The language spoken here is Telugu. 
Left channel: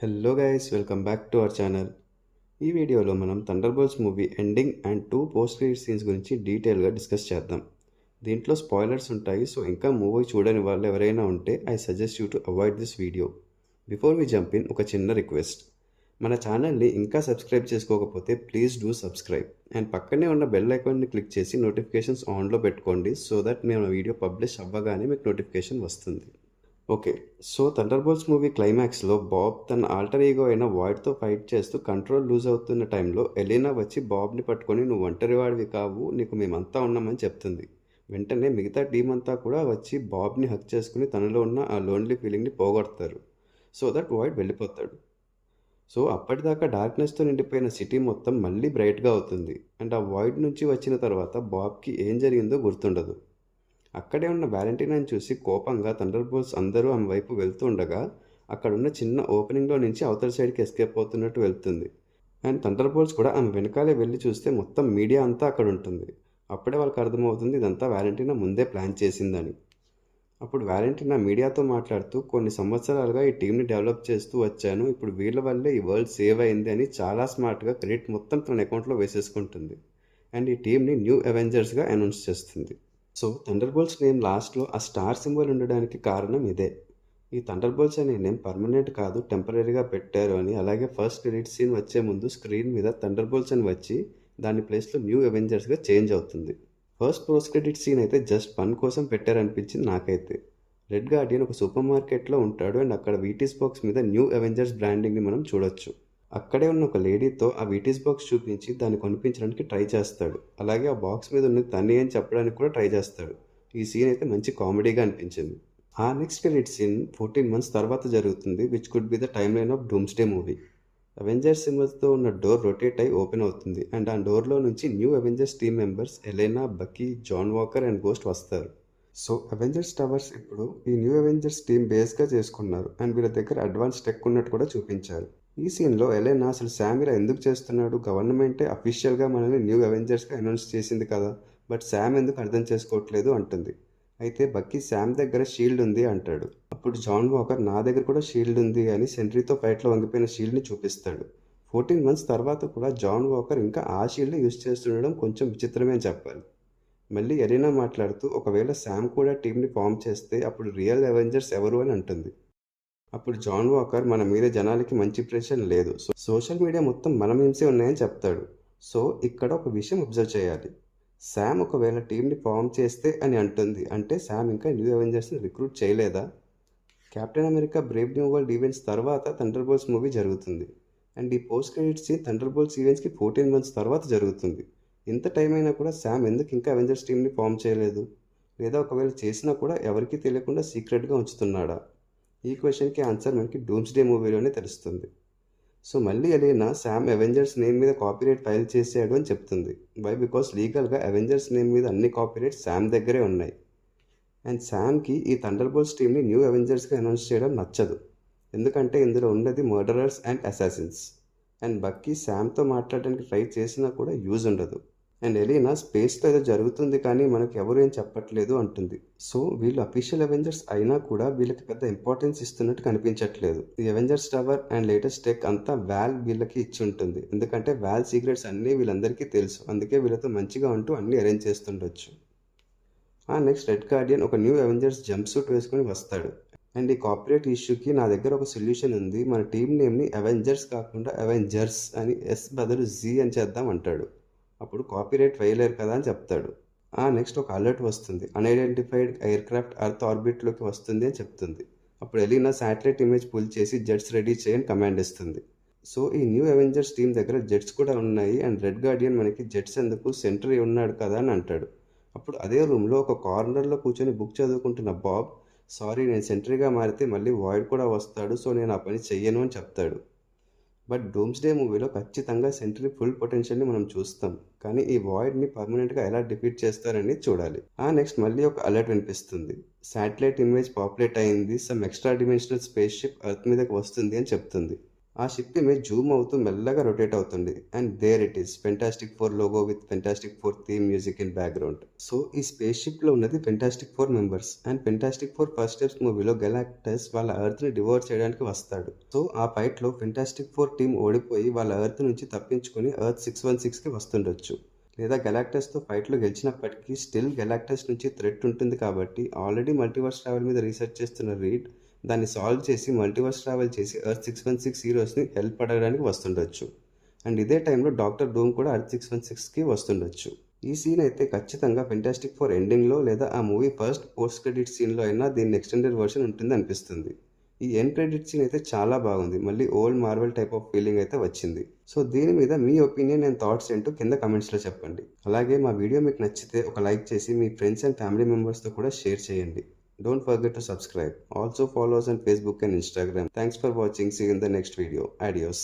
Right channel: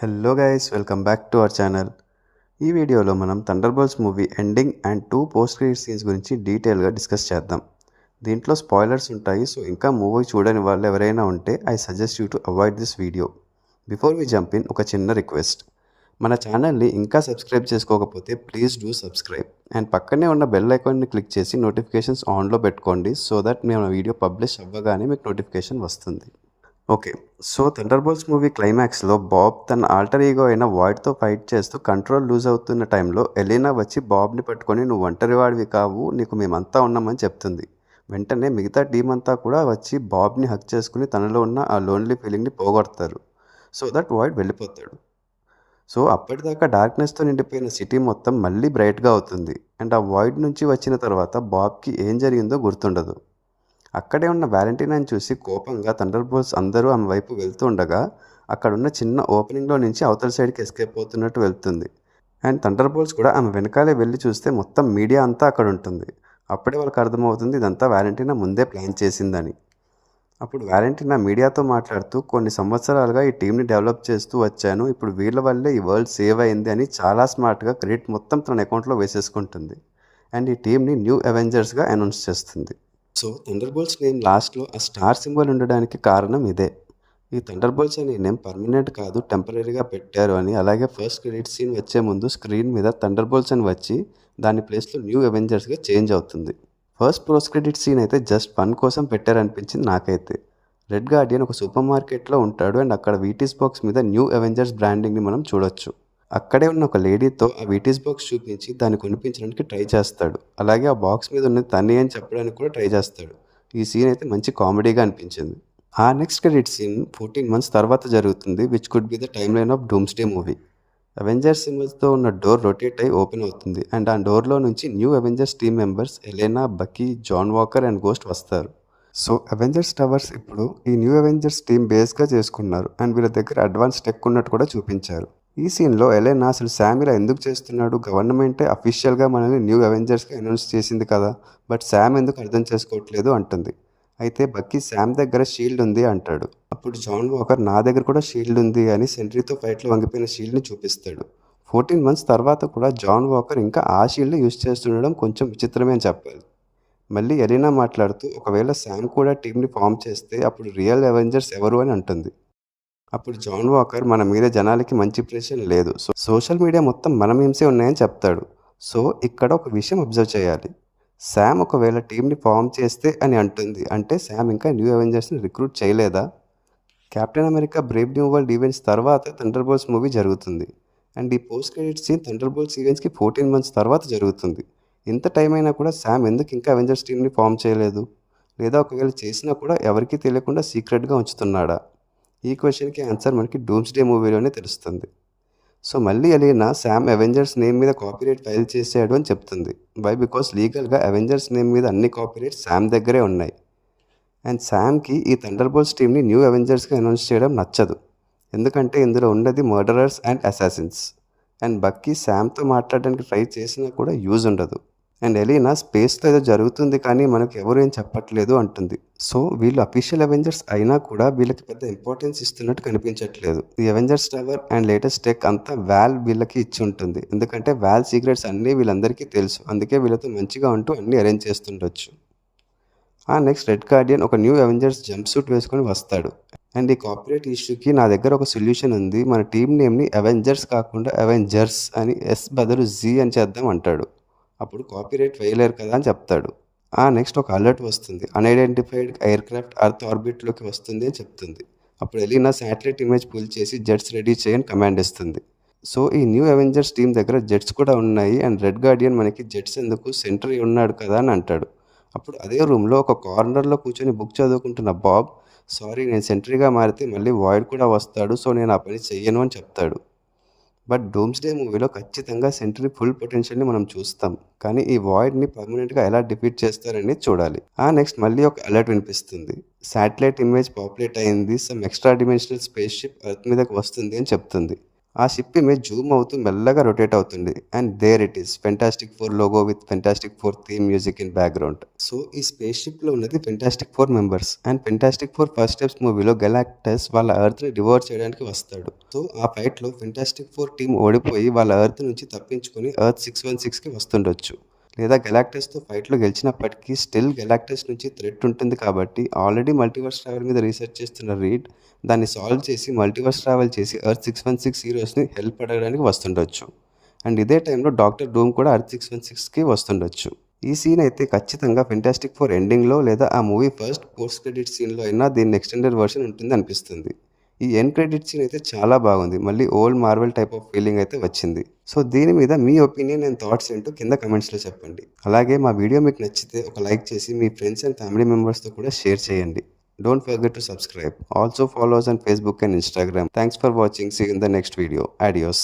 Hello guys, welcome back to our channel. ఈ వీడియోలో మనం thunderbolts movie ending and 2 post credit scenes గురించి డీటెయిల్గా డిస్కస్ చేద్దాం. దీంట్లో స్పాయిలర్స్ ఉంటాయి, సో ఇంకా మూవీ చూడని వాళ్ళు ఎవరైనా ఉంటే I suggest you to avoid this video. Before we jump in, ఒక చిన్న రిక్వెస్ట్. మన ఛానల్ని ఇంకా సబ్స్క్రైబ్ చేసుకోకపోతే ప్లీజ్ డూ సబ్స్క్రైబ్ అండ్ పక్కనే ఉన్న బెల్ ఐకాన్ని క్లిక్ చేసి నోటిఫికేషన్స్ ఆన్లో పెట్టుకోండి, సో దట్ మేము వీడియో పబ్లిష్ అవ్వగానే మీకు నోటిఫికేషన్ వస్తుంది. ఓకే, సో థండర్బోల్ట్స్ మూవీ క్లైమాక్స్లో బాబ్ తన ఆల్టర్ ఈగో అయిన వాయిడ్తో ఫైట్ చేస్తూ కంట్రోల్ లూజ్ అవుతున్న టైంలో ఎలీనా వచ్చి బాబ్ని పట్టుకొని నువ్వు ఒంటరివాడివి కావు, నీకు మేమంతా ఉన్నామని చెప్తుంది. వెంటనే మిగతా టీం అంతా కూడా వచ్చి బాబ్ని హక్ చేసుకుని తనలో ఉన్న ఆ లోన్లీ ఫీలింగ్ని పోగొడతారు, సో దట్ వాయిడ్ వెళ్ళిపోతాడు. సో అప్పటిదాకా డార్క్నెస్తో నిండిపోయిన సిటీ మొత్తం మళ్ళీ బ్రైట్గా అవుతుంది అండ్ ఆ వాయిడ్ నుంచి వచ్చిన తర్వాత బాబ్కి ఏం జరిగిందో గుర్తుండదు. అక్కడే ఉన్న వ్యాలంటీనాని చూసి కోపంగా థండర్బోల్ట్స్ అందరూ ఆమె వైపు వెళ్తూ ఉండగా అక్కడున్న చిన్న ఓపెనింగ్లో నుంచి అవతల సైడ్కి ఎస్కేప్ అవుతున్నట్టు వెళ్తుంది అండ్ థండర్బోల్ట్స్ కూడా ఆమె వెనకాలే వెళ్ళి చూస్తే మొత్తం మీడియా అంతా అక్కడ ఉంటుంది. అప్పుడే వాళ్ళకి అర్థమవుతుంది ఇదంతా వ్యాలంటీనా ముందే ప్లాన్ చేసిందని. అప్పుడు వ్యాలంటీనా మీడియాతో మాట్లాడుతూ కొన్ని సంవత్సరాలుగా ఈ టీంని డెవలప్ చేస్తూ వచ్చాను, ఇప్పుడు వీళ్ళ వల్లే ఈ వరల్డ్ సేవ్ అయింది అని చాలా స్మార్ట్గా క్రెడిట్ మొత్తం తన అకౌంట్లో వేసేసుకుంటుంది అండ్ ఈ టీంని న్యూ అవెంజర్స్గా అనౌన్స్ చేస్తుంది. సో థండర్బోల్ట్స్ నేమ్ లాస్ట్లో ఆ స్టార్ సింబల్ ఉండడానికి కారణం ఇదే. ఈ థండర్బోల్ట్స్ అనే నేమ్ పర్మనెంట్ కాదు, టెంపరీగా పెట్టారు అని. అలాగే ఫస్ట్ క్రెడిట్ సీన్ వచ్చే ముందు స్క్రీన్ మీద థండర్బోల్ట్స్ అని వచ్చి దాని ప్లేస్లో న్యూ అవెంజర్స్గా చేంజ్ అవుతుంది. ఫస్ట్ పోస్ట్ క్రెడిట్ సీన్ అయితే జస్ట్ ఫన్ కోసం పెట్టారనిపించింది నాకైతే. రెడ్ గార్డియన్ ఒక సూపర్ మార్కెట్లో ఉంటాడు అండ్ అక్కడ వీటీస్ బాక్స్ మీద న్యూ అవెంజర్స్ బ్రాండింగ్ని మనం చూడొచ్చు. అక్కడే ఉన్న ఒక లేడీతో ఆ వీటీస్ బాక్స్ చూపించి దాన్ని కొనిపించడానికి ట్రై చేస్తాడు. అలాగే ఆ బాక్స్ మీద ఉన్నది తనే అని చెప్పడానికి కూడా ట్రై చేస్తాడు. ఈ సీన్ అయితే మంచి కామెడీగా అనిపించింది. ఆ నెక్స్ట్ క్రెడిట్ సీన్ 14 months తర్వాత జరుగుతుంది, which could be the timeline of Doomsday movie. Avengers సింబల్స్తో ఉన్న డోర్ రొటేట్ అయి ఓపెన్ అవుతుంది అండ్ ఆ డోర్లో నుంచి new Avengers team members Yelena, Bucky, John Walker and Ghost వస్తారు. సో అవెంజర్స్ టవర్స్ ఇప్పుడు ఈ న్యూ అవెంజర్స్ టీమ్ బేస్గా చేసుకున్నారు అండ్ వీళ్ళ దగ్గర అడ్వాన్స్ టెక్ ఉన్నట్టు కూడా చూపించారు. ఈ సీన్లో ఎలెనా అసలు శామ్ ఇలా ఎందుకు చేస్తున్నాడు, గవర్నమెంటే అఫీషియల్గా మనల్ని న్యూ అవెంజర్స్గా అనౌన్స్ చేసింది కదా, బట్ శామ్ ఎందుకు అర్థం చేసుకోవట్లేదు అంటుంది. అయితే బక్కీ శామ్ దగ్గర షీల్డ్ ఉంది అంటాడు. అప్పుడు జాన్ వాకర్ నా దగ్గర కూడా షీల్డ్ ఉంది అని సెంట్రీతో ఫైట్లో వంగిపోయిన షీల్డ్ని చూపిస్తాడు. 14 months తర్వాత కూడా జాన్ వాకర్ ఇంకా ఆ షీల్డ్ యూజ్ చేస్తుండడం కొంచెం విచిత్రమే అని చెప్పాలి. మళ్ళీ ఎరీనా మాట్లాడుతూ ఒకవేళ శామ్ కూడా టీంని ఫామ్ చేస్తే అప్పుడు రియల్ అవెంజర్స్ ఎవరు అని అంటుంది. అప్పుడు జాన్ వాకర్ మన మీద జనాలకి మంచి ఇంప్రెషన్ లేదు, సో సోషల్ మీడియా మొత్తం మన మీమ్సే ఉన్నాయని చెప్తాడు. సో ఇక్కడ ఒక విషయం అబ్జర్వ్ చేయాలి. శామ్ ఒకవేళ టీంని ఫామ్ చేస్తే అని అంటుంది, అంటే శామ్ ఇంకా న్యూ అవెంజర్స్ని రిక్రూట్ చేయలేదా? Captain America Brave new world events తర్వాత థండర్బోల్ట్స్ మూవీ జరుగుతుంది అండ్ ఈ పోస్ట్ క్రెడిట్ సీన్ థండర్బోల్ట్స్ ఈవెంట్స్కి 14 months తర్వాత జరుగుతుంది. ఇంత టైం అయినా కూడా శామ్ ఎందుకు ఇంకా అవెంజర్స్ టీంని ఫామ్ చేయలేదు? లేదా ఒకవేళ చేసినా కూడా ఎవరికీ తెలియకుండా సీక్రెట్గా ఉంచుతున్నాడా? ఈ క్వశ్చన్కి ఆన్సర్ మనకి డూమ్స్డే మూవీలోనే తెలుస్తుంది. సో మళ్ళీ ఎలీనా శామ్ అవెంజర్స్ నేమ్ మీద కాపీరైట్ ఫైల్ చేశాడు అని చెప్తుంది. వై? బికాస్ లీగల్గా అవెంజర్స్ నేమ్ మీద అన్ని కాపీరైట్స్ శామ్ దగ్గరే ఉన్నాయి అండ్ శామ్కి ఈ థండర్బోల్ట్స్ టీమ్ని న్యూ అవెంజర్స్గా అనౌన్స్ చేయడం నచ్చదు, ఎందుకంటే ఇందులో ఉన్నది మర్డరర్స్ అండ్ అసాసిన్స్ అండ్ బక్కీ శామ్తో మాట్లాడడానికి ట్రై చేసినా కూడా యూజ్ ఉండదు అండ్ ఎలీనా స్పేస్లో ఏదో జరుగుతుంది కానీ మనకు ఎవరు ఏం చెప్పట్లేదు అంటుంది. సో వీళ్ళు అఫీషియల్ అవెంజర్స్ అయినా కూడా వీళ్ళకి పెద్ద ఇంపార్టెన్స్ ఇస్తున్నట్టు కనిపించట్లేదు. ఈ Avengers tower and latest tech అంతా వాల్ వీళ్ళకి ఇచ్చి ఉంటుంది, ఎందుకంటే వాల్ సీక్రెట్స్ అన్నీ వీళ్ళందరికీ తెలుసు, అందుకే వీళ్ళతో మంచిగా ఉంటూ అన్నీ అరేంజ్ చేస్తుండొచ్చు. ఆ నెక్స్ట్ రెడ్ గార్డియన్ ఒక న్యూ అవెంజర్స్ జంప్ సూట్ వేసుకొని వస్తాడు అండ్ ఈ కాపీరైట్ ఇష్యూకి నా దగ్గర ఒక సొల్యూషన్ ఉంది, మన టీం నేమ్ని అవెంజర్స్ కాకుండా అవెంజర్స్ అని ఎస్ బదులు జీ అని చేద్దాం అంటాడు. అప్పుడు కాపీరైట్ వేయలేరు కదా అని చెప్తాడు. ఆ నెక్స్ట్ ఒక అలర్ట్ వస్తుంది, అన్ఐడెంటిఫైడ్ ఎయిర్ క్రాఫ్ట్ అర్త్ ఆర్బిట్లోకి వస్తుంది అని చెప్తుంది. అప్పుడు ఎలీనా శాటిలైట్ ఇమేజ్ పుల్ చేసి జెట్స్ రెడీ చేయని కమాండ్ ఇస్తుంది. సో ఈ న్యూ అవెంజర్స్ టీం దగ్గర జెట్స్ కూడా ఉన్నాయి అండ్ రెడ్ గార్డియన్ మనకి జెట్స్ ఎందుకు, సెంట్రీ ఉన్నాడు కదా అని అంటాడు. అప్పుడు అదే రూమ్లో ఒక కార్నర్లో కూర్చొని బుక్ చదువుకుంటున్న బాబ్, సారీ నేను సెంట్రీగా మారితే మళ్ళీ వాయిడ్ కూడా వస్తాడు, సో నేను ఆ పని చెయ్యను అని చెప్తాడు. బట్ డూమ్స్డే మూవీలో ఖచ్చితంగా సెంట్రీ ఫుల్ పొటెన్షియల్ని మనం చూస్తాం, కానీ ఈ వాయిడ్ని పర్మనెంట్గా ఎలా డిఫీట్ చేస్తారని చూడాలి. ఆ నెక్స్ట్ మళ్ళీ ఒక అలర్ట్ వినిపిస్తుంది, శాటిలైట్ ఇమేజ్ పాపులేట్ అయింది, some extra dimensional spaceship Earth మీదకి వస్తుంది అని చెప్తుంది. ఆ షిప్ ఇమేజ్ జూమ్ అవుతూ మెల్లగా రొటేట్ అవుతుంది. And there it is Fantastic Four logo with Fantastic Four theme music in background. So ఈ స్పేస్ షిప్లో ఉన్నది Fantastic Four members. And Fantastic Four first steps మూవీలో గెలాక్టస్ వాళ్ళ ఎర్త్ని డివోర్ చేయడానికి వస్తాడు. సో ఆ ఫైట్లో ఫెంటాస్టిక్ ఫోర్ టీం ఓడిపోయి వాళ్ళ ఎర్త్ నుంచి తప్పించుకొని ఎర్త్ 616కి వస్తుండొచ్చు. లేదా గెలాక్టస్తో ఫైట్లో గెలిచినప్పటికీ స్టిల్ గెలాక్టస్ నుంచి థ్రెట్ ఉంటుంది కాబట్టి ఆల్రెడీ మల్టీవర్స్ ట్రావెల్ మీద రీసెర్చ్ చేస్తున్న రీడ్ దాన్ని సాల్వ్ చేసి మల్టీవర్స్ ట్రావెల్ చేసి ఎర్త్ 616 హీరోస్ని హెల్ప్ అడగడానికి వస్తుండొచ్చు. అండ్ ఇదే టైంలో డాక్టర్ డూమ్ కూడా ఎర్త్ 616కి వస్తుండొచ్చు. ఈ సీన్ అయితే ఖచ్చితంగా ఫెంటాస్టిక్ ఫోర్ ఎండింగ్లో లేదా ఆ మూవీ ఫస్ట్ పోస్ట్ క్రెడిట్ సీన్లో అయినా దీని ఎక్స్టెండెడ్ వర్షన్ ఉంటుంది అనిపిస్తుంది. ఈ ఎండ్ క్రెడిట్ సీన్ అయితే చాలా బాగుంది. మళ్ళీ old Marvel type of feeling అయితే వచ్చింది. సో దీని మీద మీ ఒపీనియన్ అండ్ థాట్స్ ఏంటో కింద కమెంట్స్లో చెప్పండి. అలాగే మా వీడియో మీకు నచ్చితే ఒక లైక్ చేసి మీ ఫ్రెండ్స్ అండ్ ఫ్యామిలీ మెంబర్స్తో కూడా షేర్ చేయండి. Don't forget to subscribe. Also follow us on Facebook and Instagram. Thanks for watching. See you in the next video. Adios.